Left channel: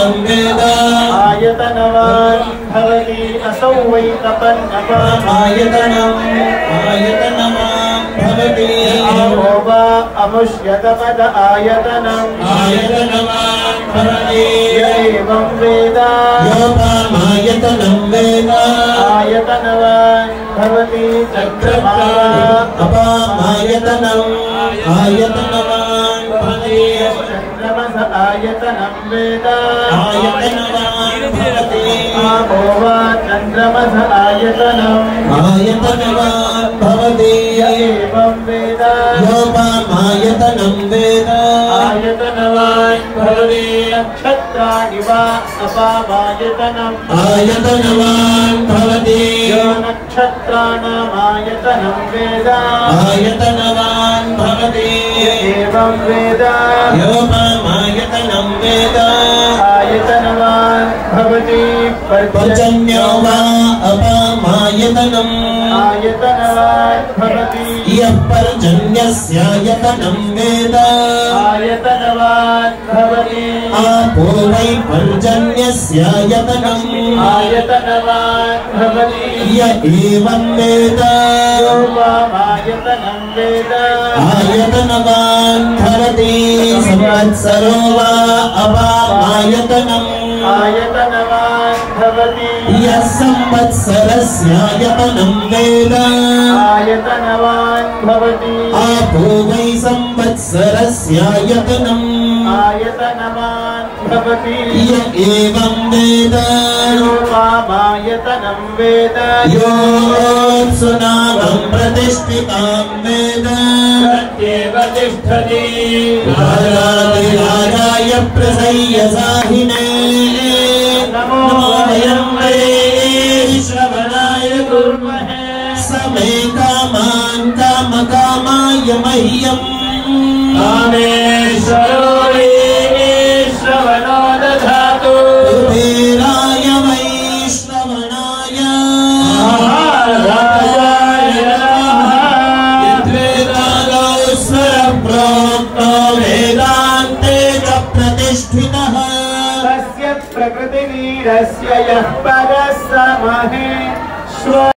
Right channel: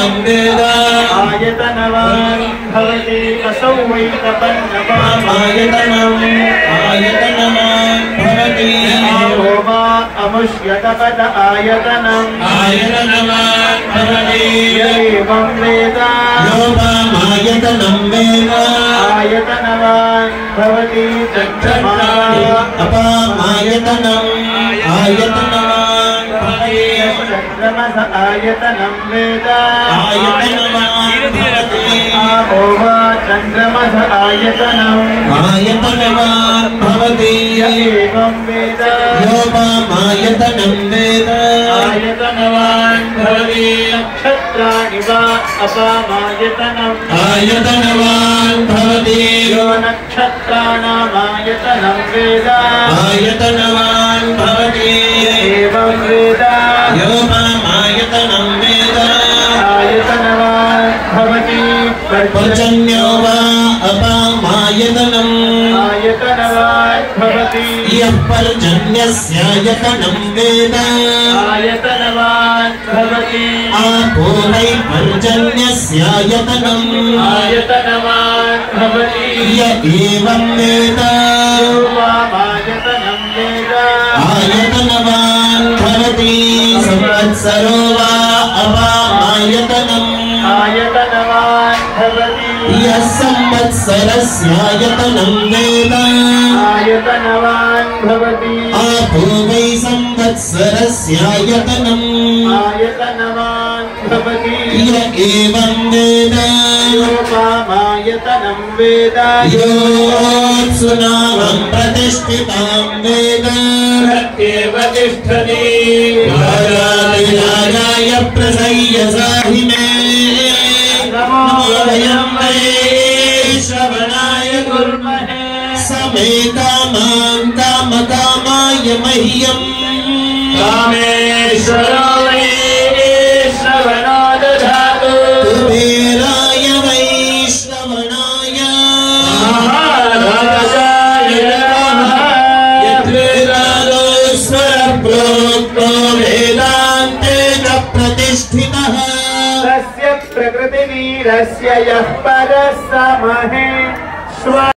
आयतनं वेद आयतनवान् भवति असौ वै तपन्नवान् आयतनवान् भवति यो वा अमुष्यतपद आयतनम् आयतनवान् भवति एवं वेद योपामायतनं वेद आयतनवान् भवति अपामायतनम् आयतनवान् भवति चन्द्रमस आयतनं वेद आयतनवान् भवति चन्द्रमस आयतनम् आयतनवान् भवति एवं वेद योपामायतनं वेद आयतनवान् भवति नक्षत्राणि वा अपामायतनम् आयतनवान् भवति यो नक्षत्राणामायतनं वेद आयतनवान् भवति एवं वेद योपामायतनं वेद आयतनवान् भवति पर्जन्यो वा अपामायतनम् आयतनवान् भवति यः पर्जन्यस्यायतनं वेद आयतनवान् भवति आपो वै पर्जन्यस्यायतनम् आयतनवान् भवति य एवं वेद योपामायतनं वेद आयतनवान् भवति संवत्सरो वा अपामायतनम् आयतनवान् भवति यः संवत्सरस्यायतनं वेद आयतनवान् भवति आपो वै संवत्सरस्यायतनम् आयतनवान् भवति य एवं वेद योपामायतनं वेद योऽप्सुनावं प्रतिष्ठितां वेद प्रत्येव तिष्ठति राजाय प्रसय्यसाहिने नमो वयं वै श्रवणाय कुर्महे समे कामाय मह्यम् कामेश्वरो हि श्रवणो दधातु कुबेराय वै श्रवणाय महाराजाय नमः यद्वेदादोस्वरप्रोक्तो वेदान्ते च प्रतिष्ठितः तस्य प्रकृतिवीरस्य यः परः स महेश्वर